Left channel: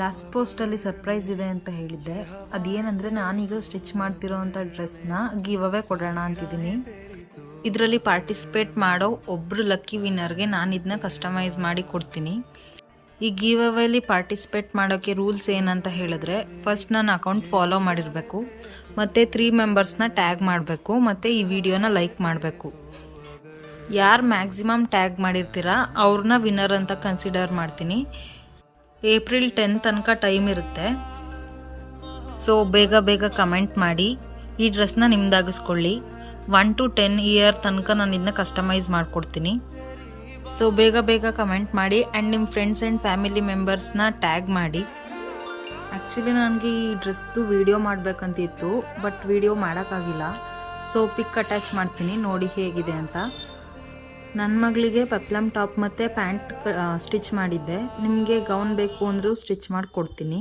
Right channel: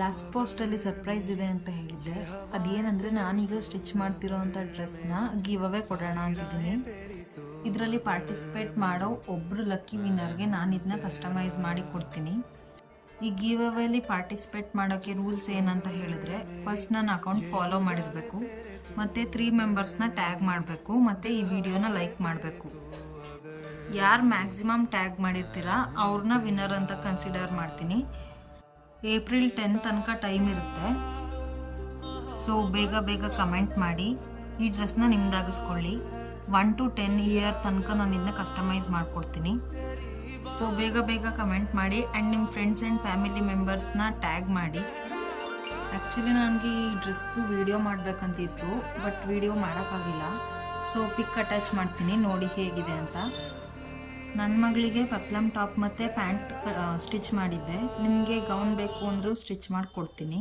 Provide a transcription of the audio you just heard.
Last ಪೋಸ್ಟಲ್ಲಿ surprise ಇದೆ ಅಂತ ಹೇಳಿದ್ದೆ. ಅದೇನಂದರೆ ನಾನೀಗ ಸ್ಟಿಚ್ ಮಾಡ್ತಿರೋ ಅಂಥ ಡ್ರೆಸ್ನ ಗಿವ್ ಅವೇ ಕೊಡೋಣ ಅಂತಿದ್ದೀನಿ. ಇದರಲ್ಲಿ ಪಾರ್ಟಿಸಿಪೇಟ್ ಮಾಡೋ ಒಬ್ಬರು ಲಕ್ಕಿ ವಿನ್ನರ್ಗೆ ನಾನು ಇದನ್ನ ಕಸ್ಟಮೈಸ್ ಮಾಡಿ ಕೊಡ್ತೀನಿ. ಈ ಗಿವ್ ಅವೇಲಿ ಪಾರ್ಟಿಸಿಪೇಟ್ ಮಾಡೋಕ್ಕೆ ರೂಲ್ಸ್ ಏನಂತ ಹೇಳಿದ್ರೆ, ಫಸ್ಟ್ ನನ್ನ ಅಕೌಂಟ್ ಫಾಲೋ ಮಾಡಿರಬೇಕು, ಮತ್ತು 3 ಮೆಂಬರ್ಸ್ನ ಟ್ಯಾಗ್ ಮಾಡಬೇಕು, ಮತ್ತು ಈ ವಿಡಿಯೋನ ಲೈಕ್ ಮಾಡಬೇಕು. ಯಾರು ಮ್ಯಾಕ್ಸಿಮಮ್ ಟ್ಯಾಗ್ ಮಾಡಿರ್ತೀರಾ ಅವ್ರನ್ನ ವಿನ್ನರ್ ಅಂತ ಕನ್ಸಿಡರ್ ಮಾಡ್ತೀನಿ. ಏಪ್ರಿಲ್ 10 ತನಕ ಟೈಮ್ ಇರುತ್ತೆ. ಸೊ ಬೇಗ ಕಮೆಂಟ್ ಮಾಡಿ ಈ ಡ್ರೆಸ್ನ ನಿಮ್ದಾಗಿಸ್ಕೊಳ್ಳಿ. 1 to 10 ಇಯರ್ ತನಕ ನಾನು ಇದನ್ನ ಕಸ್ಟಮೈಸ್ ಮಾಡಿಕೊಡ್ತೀನಿ. ಸೊ ಬೇಗ ಕಮೆಂಟ್ ಮಾಡಿ ಆ್ಯಂಡ್ ನಿಮ್ಮ ಫ್ರೆಂಡ್ಸ್ ಆ್ಯಂಡ್ ಫ್ಯಾಮಿಲಿ ಮೆಂಬರ್ಸ್ನ ಟ್ಯಾಗ್ ಮಾಡಿ. ಆ್ಯಕ್ಚುಲಿ ನನಗೆ ಈ ಡ್ರೆಸ್ದು ವಿಡಿಯೋ ಮಾಡಬೇಕಂತಿತ್ತು, ಬಟ್ ವಿಡಿಯೋ ಮಾಡೋಕ್ಕಾಗಿಲ್ಲ. ಸೊ ಪಿಕ್ ಅಟ್ಯಾಚ್ ಮಾಡ್ತೀನಿ, ನೋಡಿ ಹೇಗಿದೆ ಅಂತ. ನನ್ನ ಮಗಳಿಗೆ ಪೆಪ್ಲಮ್ ಟಾಪ್ ಮತ್ತು ಪ್ಯಾಂಟ್ ಸ್ಟಿಚ್ ಮಾಡಿದ್ದೆ. ನಿಮಗೆ ಗೌನ್ ಬೇಕು ಅಂದರೂ ಸ್ಟಿಚ್ ಮಾಡಿ ಕೊಡ್ತೀನಿ.